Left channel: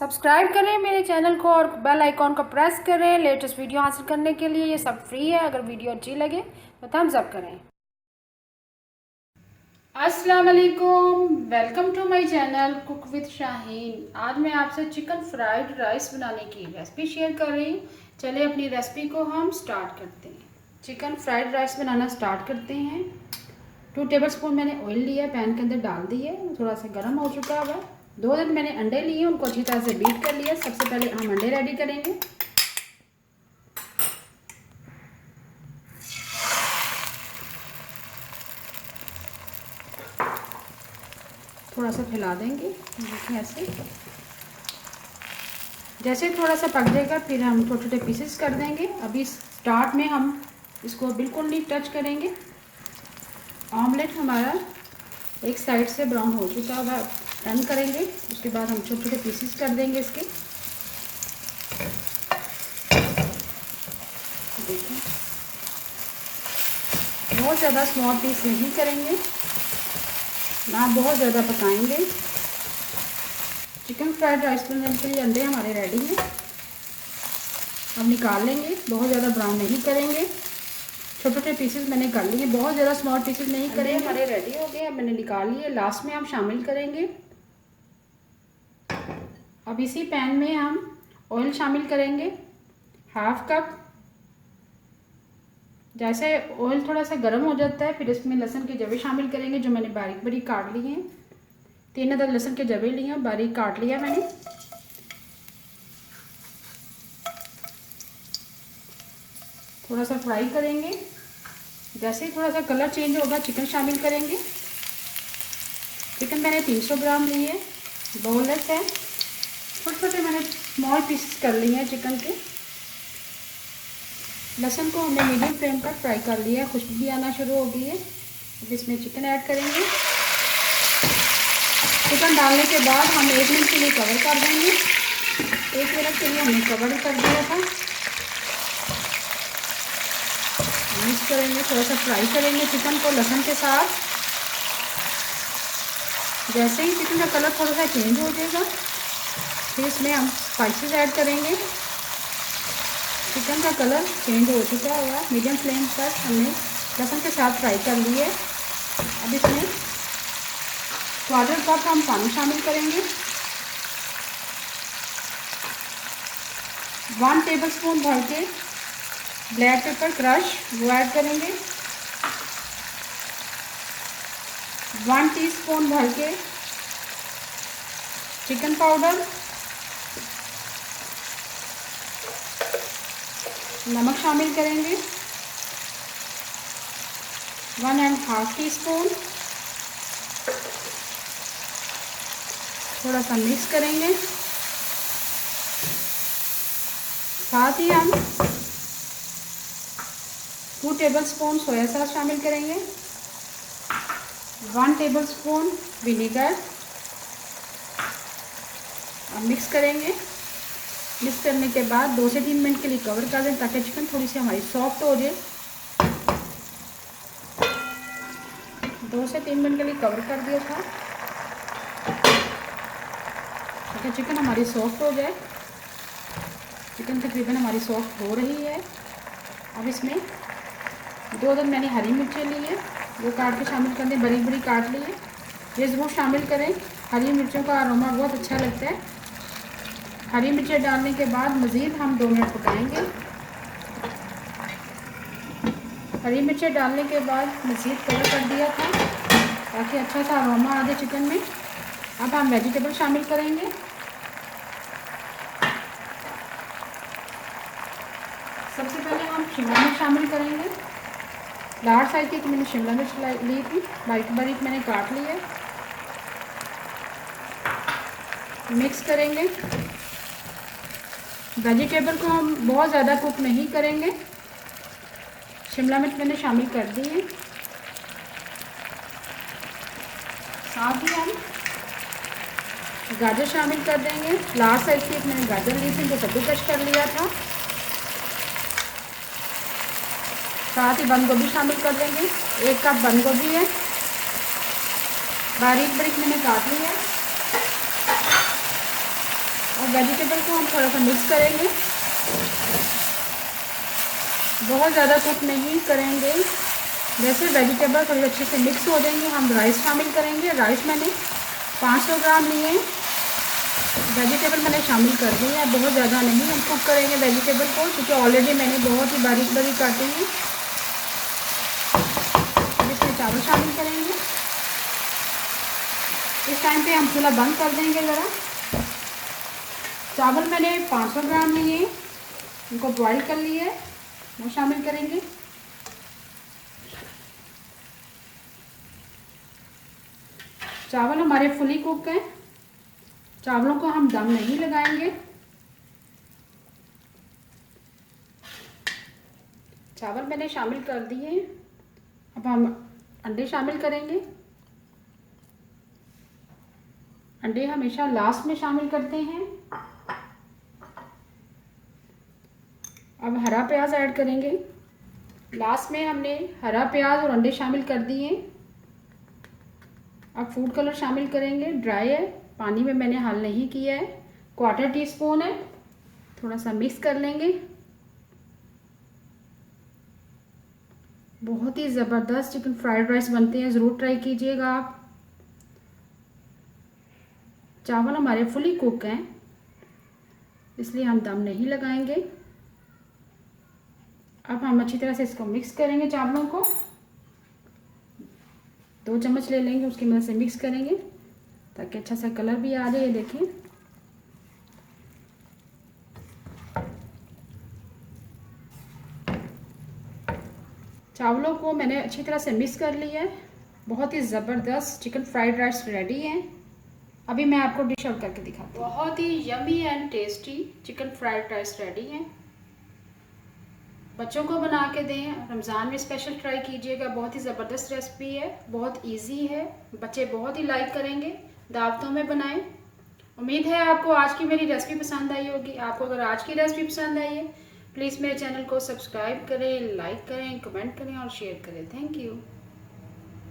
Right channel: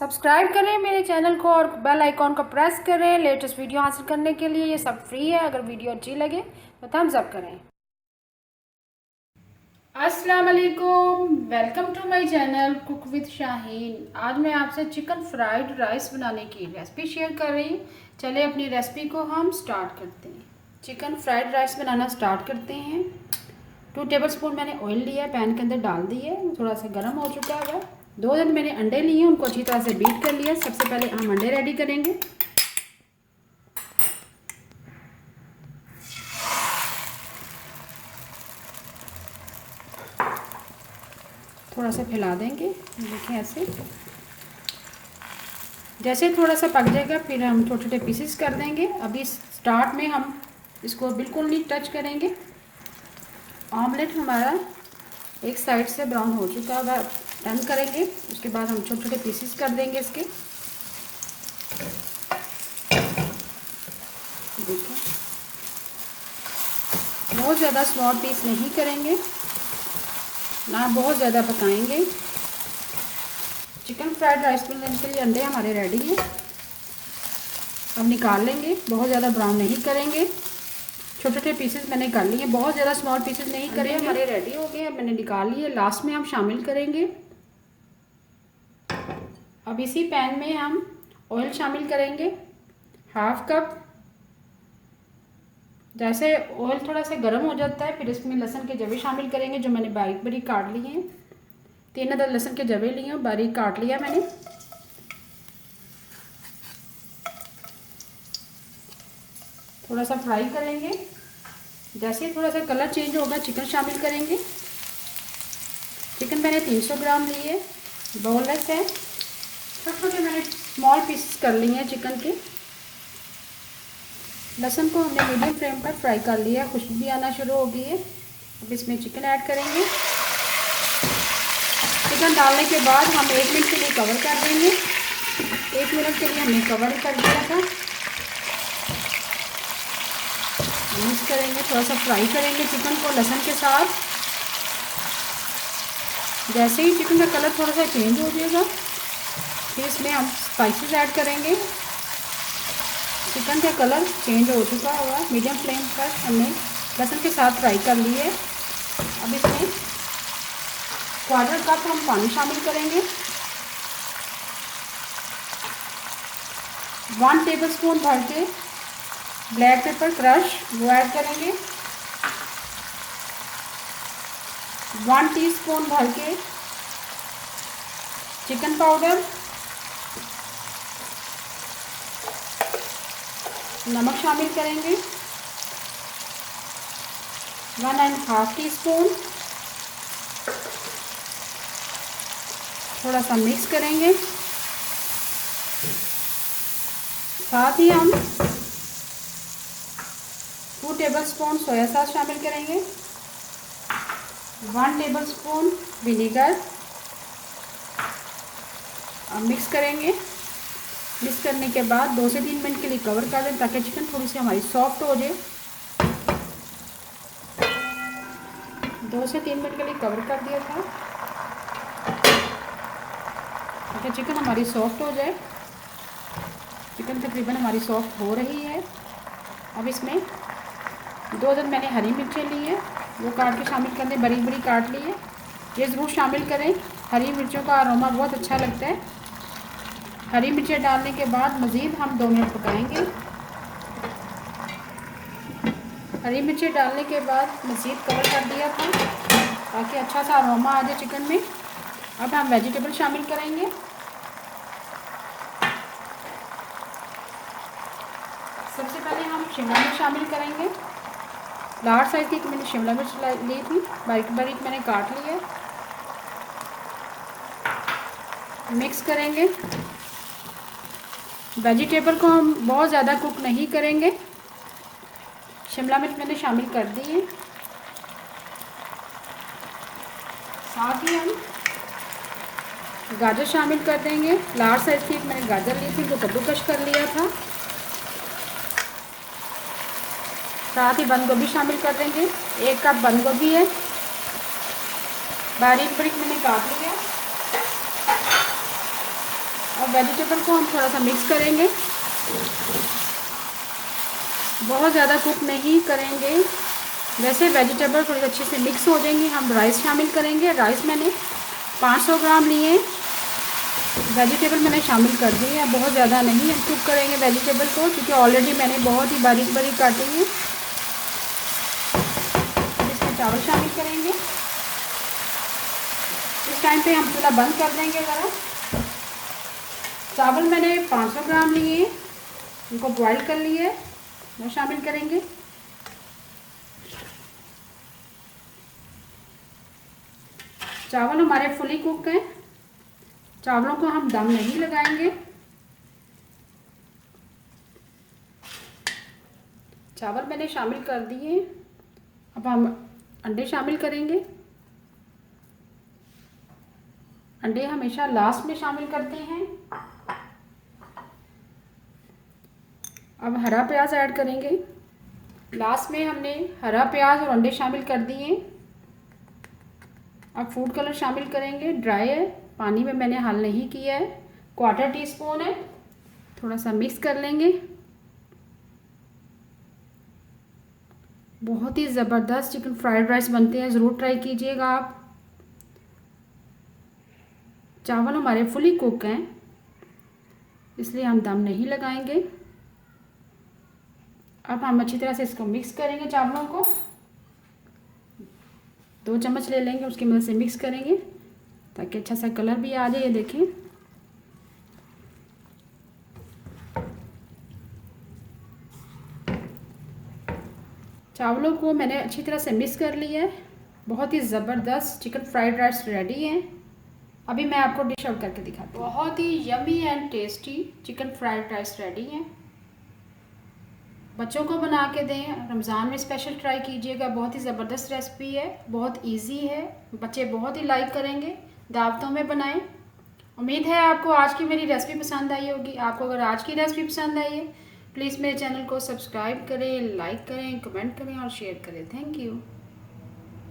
Subscribe करें मेरे channel को और बेल आइकॉन को प्रेस करें लेटेस्ट वीडियो हासिल करने के लिए। ये सब फ्री है। अगर वीडियो अच्छी लगे तो थम्स अप करें। अस्सलाम वालेकुम, welcome to my channel cook with Shaheen. आज मैं आपसे चिकन फ्राइड राइस बनाने की रेसिपी शेयर कर रही हूँ। चलिए अपनी रेसिपी को हम स्टार्ट करते हैं। चिकन फ्राइड राइस बनाना स्टार्ट करते हैं। 2 टेबलस्पून मैंने ऑयल लिया, पैन के अंदर डाल दिए, थोड़ा सा गर्म हो चुका है। 2 मैंने अंडे लिए, उनको अच्छी तरह से बीट कर लिया। सबसे पहले हम अंडे रेडी करेंगे। थोड़ा सा फैला देंगे, देखिए ऐसे। जैसे थोड़ा सा पक जाएगा फिर हम छोटे छोटे पीसेस कर देंगे। अभी स्टार्ट में हम इसको बिल्कुल नहीं टच करेंगे। ऑमलेट हमारा एक साइड से ब्राउन हो चुका है, टर्न करेंगे। उसके बाद हम छोटे छोटे पीसेस कर देंगे इसके। देखिए बहुत ज़्यादा स्मॉल पीस नहीं करेंगे, ना बहुत ज़्यादा पकाएंगे। चिकन फ्राइड राइस बनाने के लिए अंडे हमारे रेडी हैं। अब निकाल लेंगे, बहुत ज़्यादा ब्राउन नहीं करेंगे। छोटे छोटे पीसेस मैंने कर लिए, बहुत ज़्यादा स्मॉल पीसेस नहीं करेंगे। हमारे रेडी हो गए, मैंने निकाल लिए। लास्ट में हम शामिल करेंगे। अब इसी पैन में हम ऑयल शामिल करेंगे, 1/2 कप। जैसे ऑयल थोड़ा सा गर्म हो जाता है फिर इसमें लहसुन के जवे शामिल करेंगे, जो मैंने बारीक बारीक काट लिए हैं। 3 अदद लहसुन के जवे लिए हैं, बारीक काट लिया मैंने। थोड़ा सा फ्राई करेंगे। जैसे ही थोड़ा सा कलर चेंज होगा चिकन शामिल करेंगे। चिकन मैंने 300 ग्राम लिए, बोनलेस है। छोटे छोटे मैंने स्मॉल पीसेस कर लिए हैं चिकन के। लहसुन को हमने मीडियम फ्लेम पर फ्राई कर लिया, खुशबू भी आना शुरू हो गई है। अब इसमें चिकन ऐड करेंगे। चिकन डालने के बाद हम 1 मिनट के लिए कवर कर देंगे। 1 मिनट के लिए हमने कवर कर दिया था। मिक्स करेंगे, थोड़ा सा फ्राई करेंगे चिकन को लहसुन के साथ। जैसे ही चिकन का कलर थोड़ा सा चेंज हो जाएगा फिर इसमें हम स्पाइसेस ऐड करेंगे। चिकन का कलर चेंज हो चुका होगा, मीडियम फ्लेम पर हमने लहसुन के साथ फ्राई कर लिए। अब इसमें 1/4 कप हम पानी शामिल करेंगे। 1 टेबलस्पून भर के ब्लैक पेपर क्रश वो ऐड करेंगे। 1 टीस्पून भर के चिकन पाउडर, नमक शामिल करेंगे 1.5 टीस्पून। थोड़ा सा मिक्स करेंगे। साथ ही हम 2 टेबलस्पून सोया सॉस शामिल करेंगे, 1 टेबलस्पून विनेगर। अब मिक्स करेंगे। मिक्स करने के बाद 2 से 3 मिनट के लिए कवर कर दें ताकि चिकन थोड़ी सी हमारी सॉफ्ट हो जाए। 2 से 3 मिनट के लिए कवर कर दिया था ताकि चिकन हमारी सॉफ्ट हो जाए। चिकन तकरीबन हमारी सॉफ्ट हो रही है। अब इसमें 2 अदद मैंने हरी मिर्चें ली हैं, वो काट के शामिल कर दें, बरीक बरीक काट ली है। ये ज़रूर शामिल करें, हरी मिर्चों का अरोमा बहुत अच्छा लगता है। हरी मिर्चें डालने के बाद मज़ीद हम 2 मिनट पकाएंगे। हरी मिर्चें डालने के बाद मज़ीद कवर कर दिया था ताकि अच्छा सा अरोमा आ जाए चिकन में। अब हम वेजिटेबल शामिल करेंगे। सबसे पहले हम शिमला मिर्च शामिल करेंगे। लार्ज साइज़ की मैंने शिमला मिर्च ली थी, बारीक बारीक मैंने काट ली है। मिक्स करेंगे। वेजिटेबल को हम बहुत ज़्यादा कुक नहीं करेंगे। शिमला मिर्च मैंने शामिल कर दी है। साथ ही हम गाजर शामिल कर देंगे। लार्ज साइज की मैंने गाजर ली थी, तो कद्दूकस कर लिया था। साथ ही बंद गोभी शामिल कर देंगे। 1 कप बंद गोभी है, बारीक बारीक मैंने काट ली है। और वेजिटेबल को हम थोड़ा सा मिक्स करेंगे, बहुत ज़्यादा कुक नहीं करेंगे। जैसे वेजिटेबल थोड़ी अच्छे से मिक्स हो जाएंगे हम राइस शामिल करेंगे। राइस मैंने 500 ग्राम लिए, वेजिटेबल मैंने शामिल कर दी है। बहुत ज़्यादा नहीं हम कुक करेंगे वेजिटेबल को, क्योंकि ऑलरेडी मैंने बहुत ही बारीक बारीक काटी है। अब इसमें चावल शामिल करेंगे। इस टाइम पे हम चूल्हा बंद कर देंगे ज़रा। चावल मैंने 500 ग्राम लिए, उनको बॉईल कर लिए, वो शामिल करेंगे। चावल हमारे फुली कुक हैं, चावलों को हम दम नहीं लगाएंगे। चावल मैंने शामिल कर दिए। अब हम अंडे शामिल करेंगे। अंडे हमेशा लास्ट में शामिल करते हैं। अब हरा प्याज ऐड करेंगे। लास्ट में हमने हरा प्याज और अंडे शामिल कर दिए। अब फूड कलर शामिल करेंगे, ड्राई है, पानी में मैंने हल नहीं किया है, 1/4 टीस्पून है। थोड़ा सा मिक्स कर लेंगे। बहुत ही ज़बरदस्त चिकन फ्राइड राइस बनते हैं, ज़रूर ट्राई कीजिएगा आप। चावल हमारे फुली कुक हैं, इसलिए हम दम नहीं लगाएंगे। अब हम अच्छी तरह से इसको मिक्स करेंगे। चावलों को 2 चम्मच ले लेंगे, उसकी मदद से मिक्स करेंगे ताकि अच्छा सा कलर भी आ जाए। ये देखिए, चावलों को मैंने अच्छी तरह से मिक्स कर लिया है। बहुत ही ज़बरदस्त चिकन फ्राइड राइस रेडी है। अभी मैं आपको डिश आउट करके दिखाती हूँ। बहुत ही yummy and tasty chicken fried rice ready है। बच्चों को बना के दें, रमज़ान में स्पेशल ट्राई कीजिएगा। बहुत ही ज़बरदस्त रेसिपी है, बहुत इजी है, बच्चे बहुत ही लाइक करेंगे। दावतों में बनाएं। उम्मीद है आपको आज की मेरी रेसिपी पसंद आई होगी। आपको अगर आज की रेसिपी पसंद आई है, प्लीज़ मेरे चैनल को सब्सक्राइब करें, लाइक करें, कमेंट करें और शेयर करें। Thank you.